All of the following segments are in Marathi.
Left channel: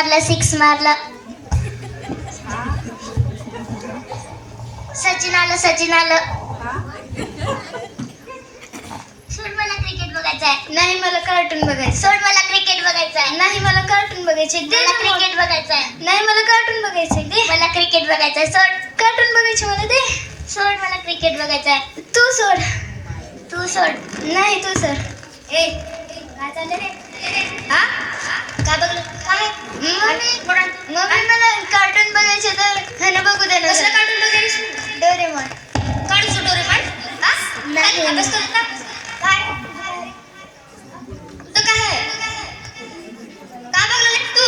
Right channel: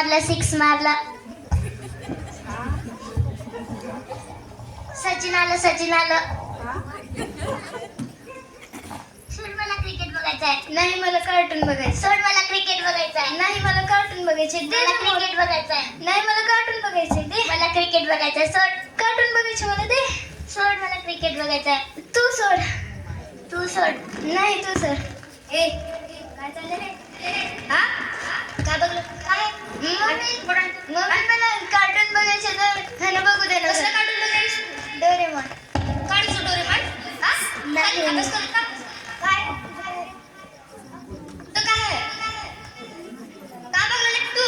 मारला 6 मारला. सचिन आलं. सोड मला क्रिकेट बघायचंय. नाही मला कार्टून बघायचं. सोड मला क्रिकेट बघायचंय. नाही मला कार्टून बघायचे. मला क्रिकेट बघायचंय. नाही मला कार्टून बघायचंय. दे मला क्रिकेट बघायचंय. सोड कार्टून बघायचे मला. दे सोड मला क्रिकेट बघायचंय. तू सोड. नाही तू सोड. ए काय चाललं रे? हा काय बघलं? काय मम्मी मला कार्टून बघायचे तर खाणं बघू दे ना. कसलं कार्टून बघायचं? डोरेमॉन. काढूचं डोरेमॉन? हा नाही अभ्यास करत ना. काय तो काय आहे? का बघणार तू?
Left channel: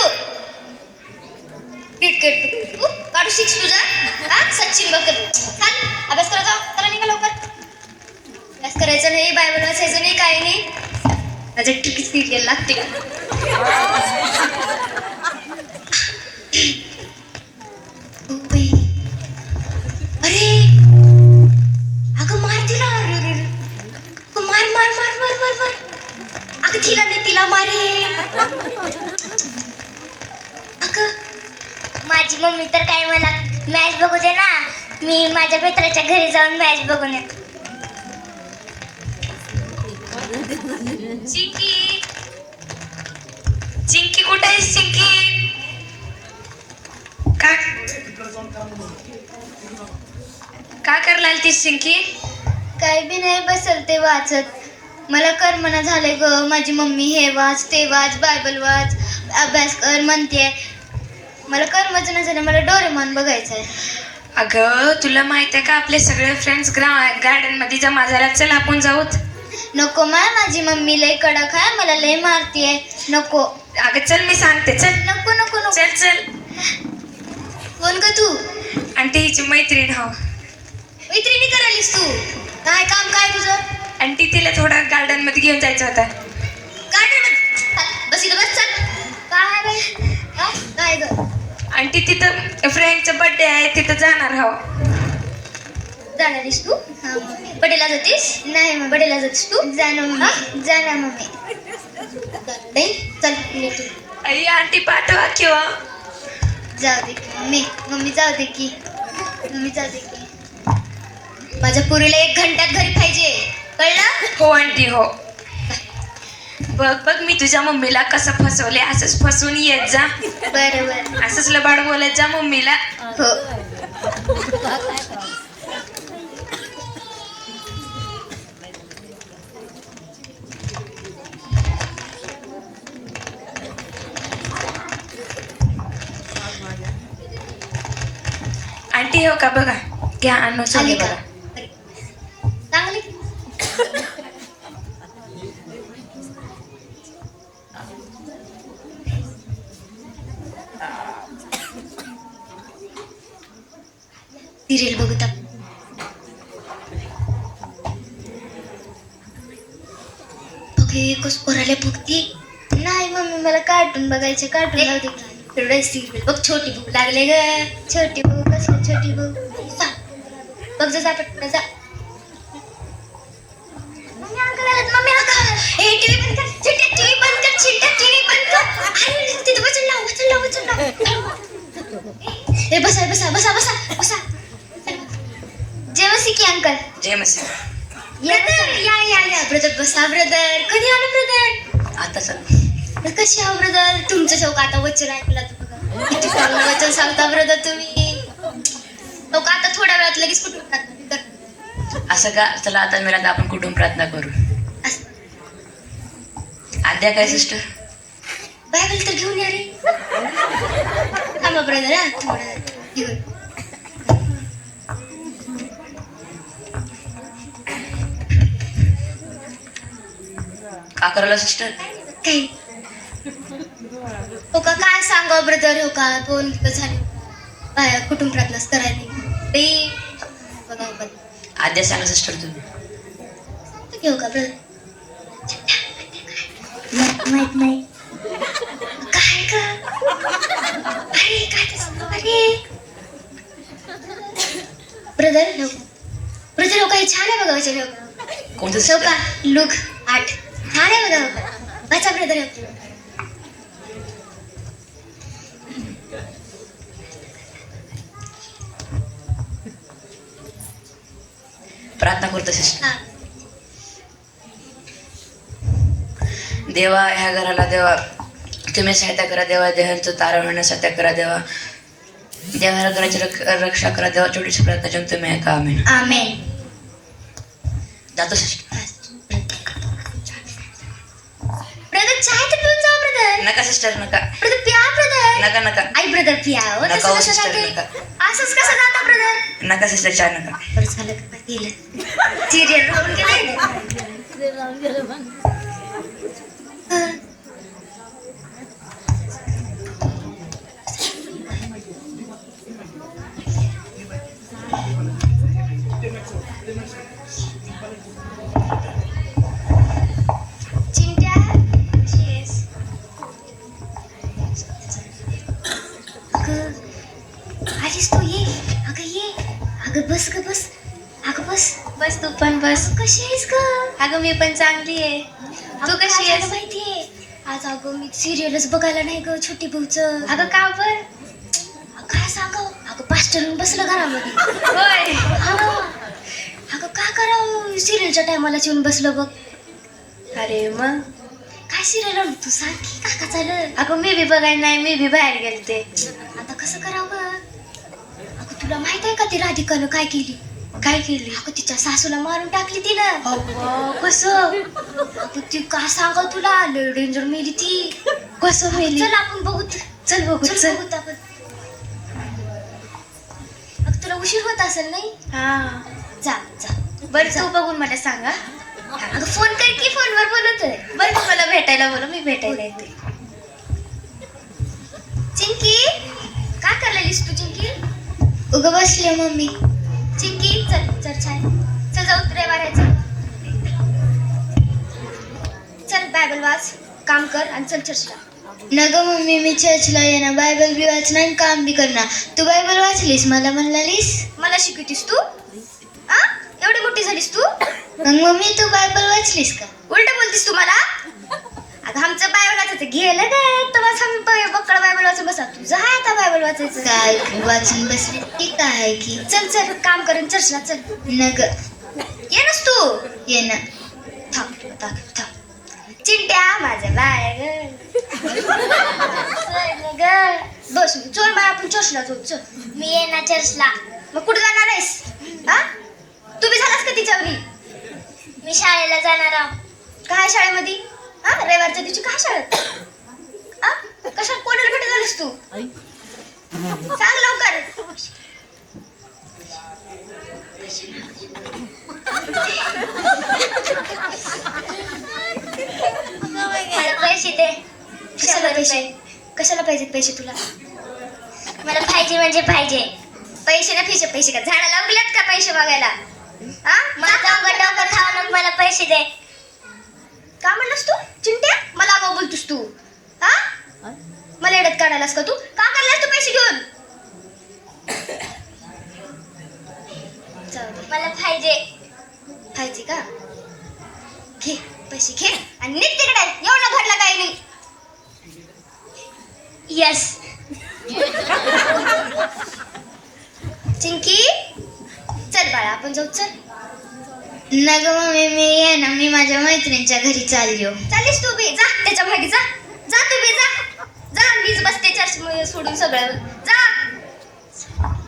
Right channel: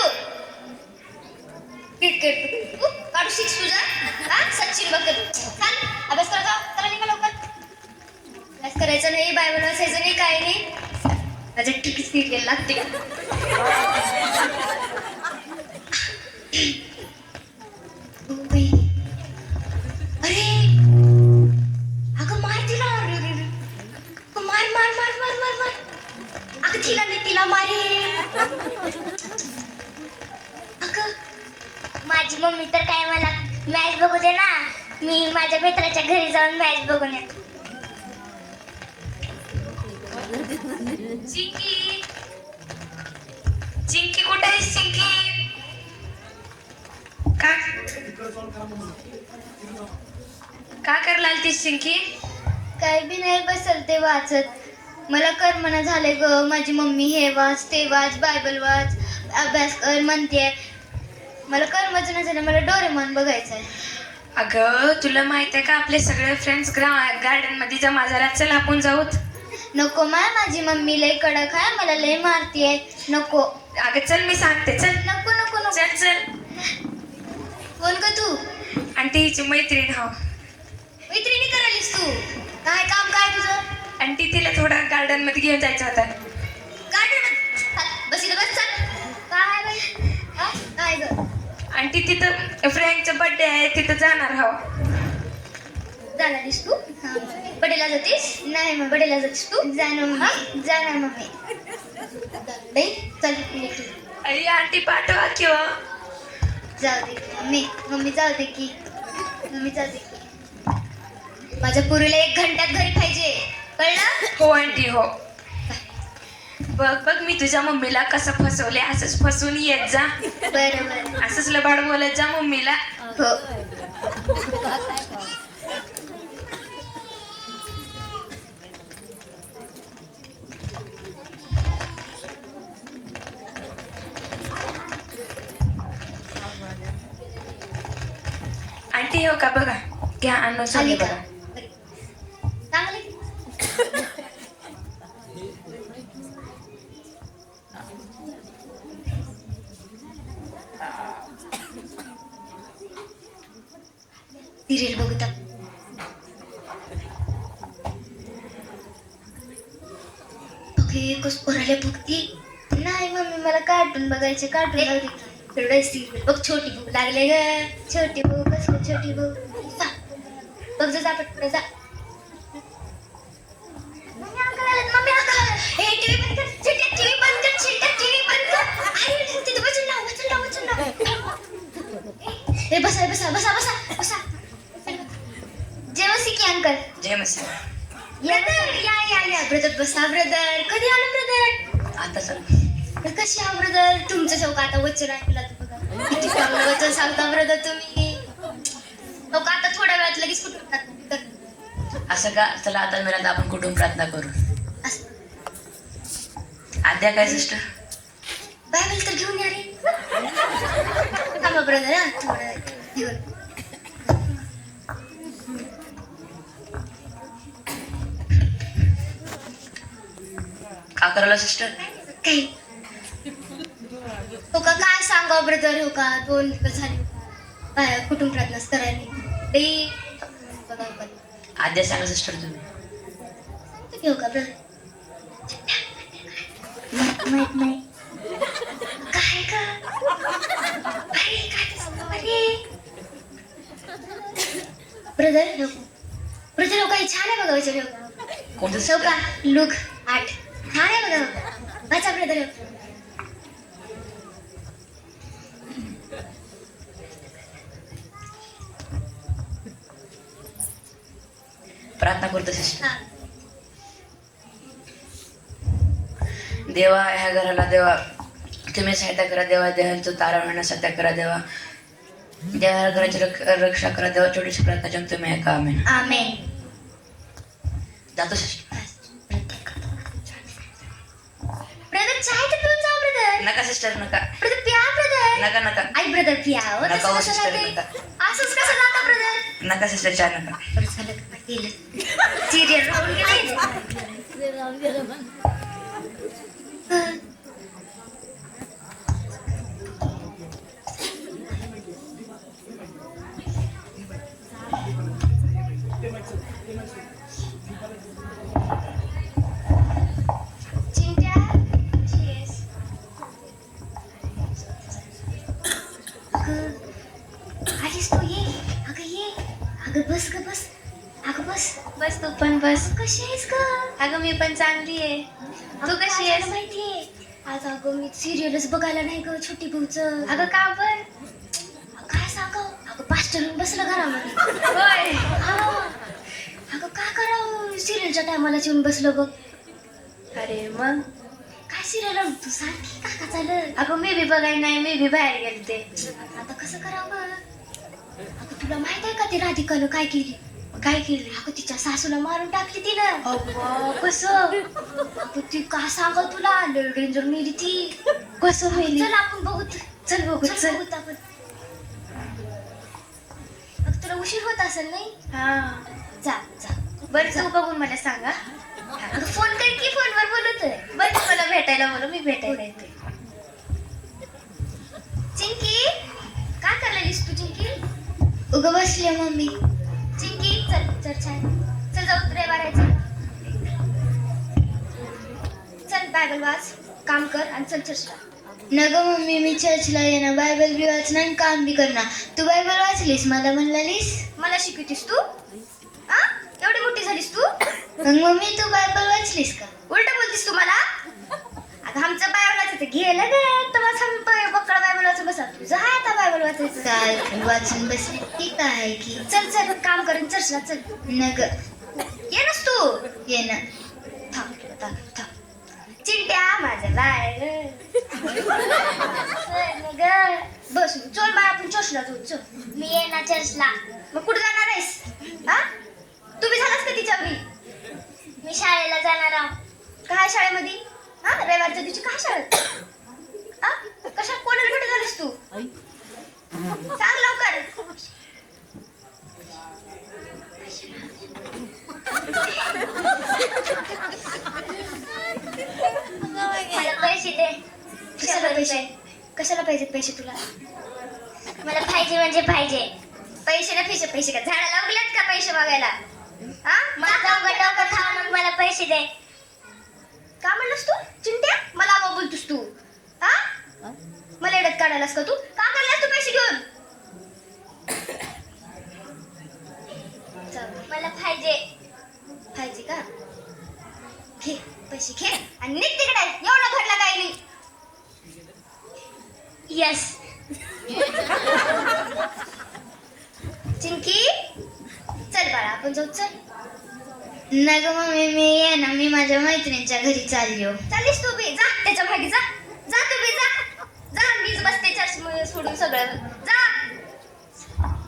क्रिकेट तू काढू 6 तुझा. हा सचिन बघ. चाल अभ्यास करत जाऊ. चला निघा लवकर. अभ्यास करायचं नाही, बायबल वाचायचं नाही, काही नाही. माझ्या टिकीच निघायला लागते का? अरे अगं मार तिला. मार अगं तिला मारे. अगं माझी मम्मी तर काय मला मॅच बघू दे ना. मी माझ्या मित्राच्या घरी जाऊन मॅच बघून येतो. चिंकी कुठे आहेस? चिंकी का करलाल ती चिंकी? काही बी नाही, बसल ते वाचत. मला करमना झालंय ग. माझी मम्मी हे वाच ते वाच, बायबल वाच, अभ्यास कर म्हणते. मला करमच नाही झालं. मला डोरेमॉन बघायचंय. अगं तुला माहित आहे का आपले सगळे फ्रेंड्स गार्डन मध्ये जमा झाला. चल आपण जाऊत. नको माझी मम्मी लय कडक आहे. मला लय मारतीये. नको. अगं चल मी सांगते. चल नको. चल कोण ग तू? आंटी हिची मैत्रीण. हो मैत्रिणी करायलीस तू? काय काम काय तुझं? आंटी तिला थोडा गार्डन मध्ये घेऊन जायचं होता. बस इथं बस. चल काय ग? आंटी तिथं फ्रेंडचा बर्थडे आहे, तिथं जाणार. हो जाणारीस तू? बडेला जातीस? नाही मग बडेला जातीस तू? जाणार मम्मी. चल निघतो. आई आंटी पाठवा किंवा जाऊ दे मम्मी जाऊ दे की. माझ्या पुरीला 1 घंट्यात घरी पाहिजे, कळलं? हो आंटी हो. बघ मी तुझ्या मम्मीला कसं फसवले. असंच फसवून येत जा. बरं असंच लबाड बोलत जा मम्मीला. हो. आंटी हो का बघा. घ्या आणू आली बघा. का? चांगली. सिरियल बघत कस पोराला बघती. नाही मम्मी मला कार्टून बघायचे. कार्टून लावते की. सिरियल बघ. छोटी भूक लागले ग. छोटी भूक. कसली छोटी भूक? बघ जा पटकन जा. टीव्ही बंद कर. तिथं वचन लाव. हे बसा. जय मसी की अंकल. जय मसी. ब्रदर या ब्रदर. बसा ब्रदर. कधी आलं ब्रदर? आता चल. कशी आहो ब्रदर? तुमचं शौक आता वचन ऐकलं तर किती चांगलं वचन सांगता ब्रदर तुम्ही. लोक आता थोड्या वेळात लगेच कुठून असं का? चला आता मिळालं आपण कुठून प्रार्थना करू. आद्या काय सिस्टर? बायबल तर घेऊन या रे. थांबा ब्रदर. हा थोडं घेऊन. का करायला सिस्टर? काही हो का? काय सांगा ब्रदर. हो का 2 दिवस झाले कुठून प्रार्थनाच करायला बघा. आद्या सांगा सिस्टर तुम्ही. घेऊ का ब्रदर? माहित नाही काय का? अरे काय ब्रदर हो काय छान आहे बघा. वचन कोणतं हो का? लूक 8 छान आहे बघा. वाचा ब्रदर. प्रार्थना करतो सिस्टर. हा. देवा ह्या घराला देवा तुम्ही सहायता करा देवा. देवांचं तारा होण्यास सत्या करा देवा. देवा ह्या घराची रक्षा करा देवा. छोटीशी प्रार्थना जेव्हा तुम्ही ऐका. आमेन. आमेन. जातो सिस्टर. ब्रदर चाय तर पिऊन जा ब्रदर. नका सिस्टर नका ब्रदर पिया ब्रदर. नका नका आई ब्रदर पिया हो. नका तसं हो कसं सिस्टर जाते? नका असंच कसं जातं ब्रदर? नका सिस्टर चहा नका. बरं झालं का गेलं. सिरियल बघून गेलं. चिंट्या कशी आहेस? अगं आलीस तू. ये अगं ये. अगं बस ग बस. अगं बस. बस तू पण बस. कशी आहेस ग? अगं मी पण चांगली आहे. तू कशी आहेस? माहितीये आज अगं मी सिरियलच बघायला नाही ग छोटी भाऊचं. अगं का बर? काय सांग अगं पास्टरून बसलं घरामध्ये. होय. हा ना. अगं काय करावं सिरियलच्या टायमाला येऊन बसलं बघ. अरे मग काय सिरियल तू सांग की काय का चाललं. अगं मी बी बघायला नाही. मी बी बाहेर गेलते. आता कसं करावं. अगं तुला माहित आहे का ती राधिकानं काय केली. काय केली? अगं तिच्या सासूला मारून टाकली तिनं. अव्वा, कसं? अगं ती काय सांग तुला लय डेंजर मेली ती. कसं मेली? चल आपण बघू. चल बघू चल चल. बघू आपण. अगं तुला उशीर होत असेल नाही. हा जा जा. बरं तू बघून मला सांगा. अगं फोन कर की फोनवर बोलतोय. बरं तू मला भेटायला बोलव. मी भेटायला येते. चिंकी काय करायलीस तू चिंकी. उगं बसले मम्मी. चिंकी चल चल छान. चल जाऊ रविवाराचं. चल बायबल वाच काम कर आणि चल चर्चला. नग मम्मी मी चर्चला येणार बायबल बी वाचणार आणि काम बी करणार. तू बायबल वाचलीस मला म्हणलालीस. मला शिकवतीस तू. आ एवढी मोठी झालीस तू. मग मम्मी तू बायबल वाचलीस का. उलट बोलतीस तू मला. अगं आमचं बायबल वाचायचं गेलं नाही तेव्हाच आम्ही बक्कळ बायबल वाचून बसा. तुझं आहे आता बायबल वाचायचं. काल वाचून बसली ती काय आहे की. चल चल काम करून चर्चला चल. नग ये नस तू. ये ना. थांब तुला दाखव थांब. चिंट्या माझं बाय ग. बस चल बाय आपण चर्चला जाऊ. चल मी येणार चर्चला. मग कुठे जाणार आहेस. हा तू बी झालास का तिच्या घरी. मी शाळेला जाणार आहो. काय शाळेमध्ये. हा रविवारच्या दिवशी काय शाळेत. हा कशात कोणाला भेट झालीस तू. सांग लवकर. मला पैसे दे. कशाला पैसे. कशाला पाहिजेत पैसे तुला. मला पाहिजे म्हणजे पाहिजे. पैसे ना पैसे. पैसे का झाडं लावल्यात का पैसे मागायला. हा माझा डोकं खाऊ नको. मला पैसे दे. का म्हणलास तू चिंट्या. मला आवा बोलतोस तू. हा मला एडत काढायलास का तू. का करलास तू पैसे घेऊन. मला पाहिजे. पाहिजे का. घे पैसे घे आणि निघ तिकडे. एवढं घडलं काही नाही. यस चिंकी चल बाळा आपण जाऊ. चल नग मम्मी मी येणार. मी माझ्या मैत्रिणीच्या घरी चालली हो. चालीस तू बी. जा त्याच्या मागे जा. जा तू बी जा. जा मीच बसते चर्च सोडून सगळं. जा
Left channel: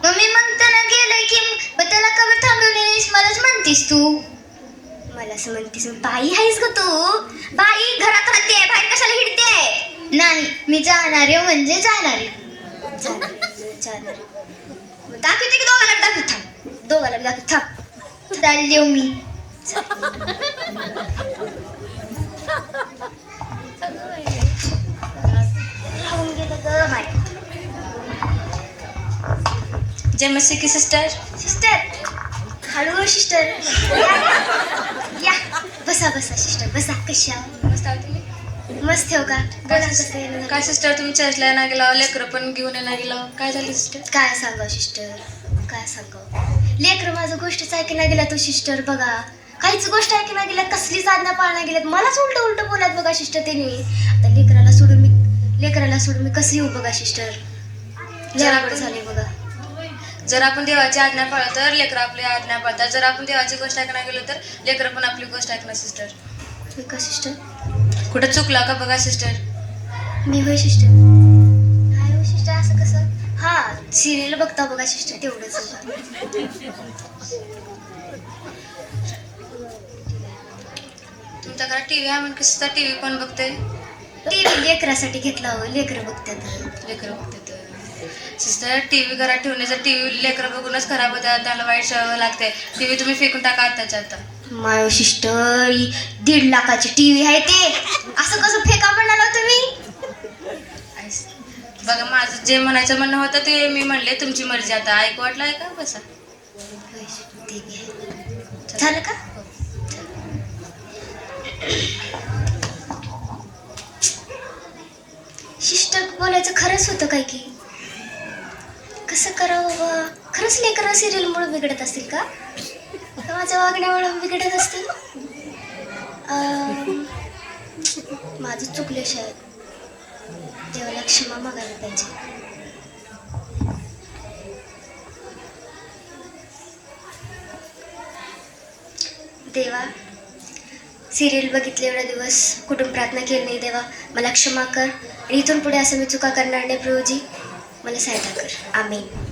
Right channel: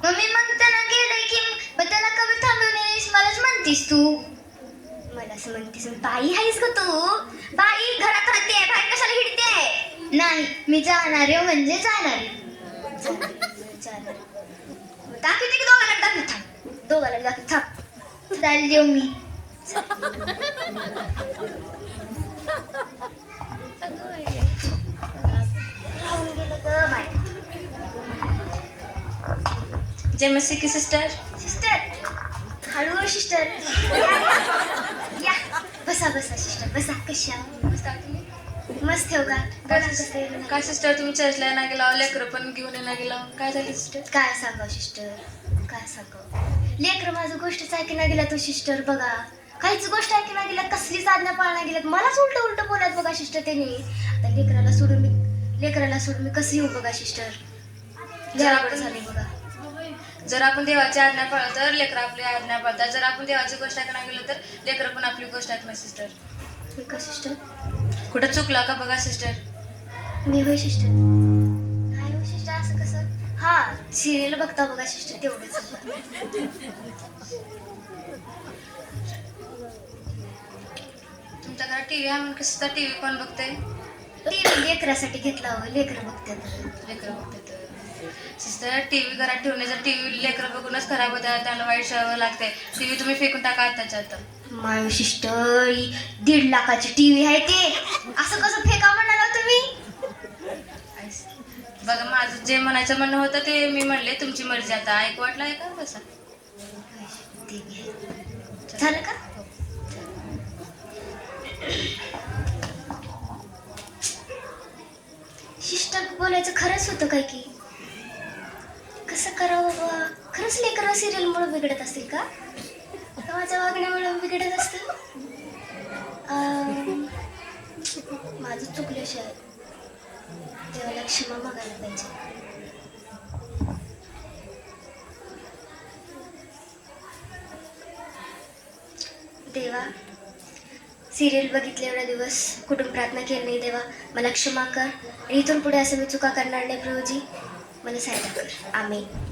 मम्मी मग त्याला गेलं की मग त्याला कवर थांबवली नाहीस मलाच म्हणतीस तू. मला असं म्हणतेस बाई आहेस का तू. बाई घरात राहते बाहेर कशाला हिडते. नाही मी जाणार आहे म्हणजे जाणार आहे. दाखवते की दोघाला दाखव. थांब दोघाला दाखव. थांब चालली हो मी. राहून गेलं ग माय. जय मस्ती की सिस्टर. सिस्टर हळू सिस्टर. या बसा बसा सिस्टर बसा. कशी आहो. मस्त आहो तुम्ही. मस्त ठेव का. बोला कसं आहे. काय सिस्टर तुम्ही चर्चला ना गेला. लेकरं पण घेऊन ना गेला. काय झालं सिस्टर. काय सांगाव सिस्टर. काय सांगाव. लेकरं माझं गोष्टीच ऐकण्यात गेला तो सिस्टर. बघा काहीच गोष्ट ऐकण्यात गेल्यात. कसलीच आज्ञा पाळण्यात गेल्यात. मलाच उलट उलट बोलात बघा सिस्टर त्यांनी. आता लेकराला सोडून मी कसं येऊ बघा सिस्टर. जरा झाले बघा. जर आपण देवाची आज्ञा पाळलं तर लेकरं आपली आज्ञा पाळतात. जर आपण देवाची गोष्ट ऐकण्याला गेलो तर लेकरं पण आपली गोष्ट ऐकणार. सिस्टर का सिस्टर? कुठं चुकला का बघा सिस्टर. मी होय सिस्टर. हाय हो सिस्टर, असं कसं? हा, सिरियल बघता बघा सिस्टर, तेवढंच बघा. तुमच्या घरात टीव्ही आहे म्हणून सिस्टर टीव्ही कोण बघते. टीव्ही लेकरासाठी घेतला हवं, लेकरं बघतात. लेकरं बघते सिस्टर. टीव्ही घरात ठेवण्याचं टीव्ही लेकरं बघूनच खराब होतात. त्याला वाईट सवय लागते. टीव्ही तुम्ही फेकून टाका आत्ताच्या आता. माय सिस्टर, 1.5 लाखाची टीव्ही आहे ते, असं कसं फेका म्हणाला तुम्ही? बघा माझं जे म्हणायचं म्हणणं होतं ते मी म्हणले. तुमची मर्जी आता. ऐकू वाटलं आहे का बसा. ते घे. झालं का? सिस्टर बोलायचं खरंच होतं काय की? कसं करावं बाबा? खरंच लेकरं सिरियलमुळे बिघडत असतील का? का माझ्या वागण्यामुळे बिघडत असतील? माझं चुकलं शायद. देवाला क्षमा मागायला पाहिजे. देवा, सिरियल बघितले एवढे दिवस, कुठून प्रार्थना केली नाही. देवा मला क्षमा कर. इथून पुढे असं मी चुका करणार नाही. प्रभूजी मला सहायता कर. आमीन.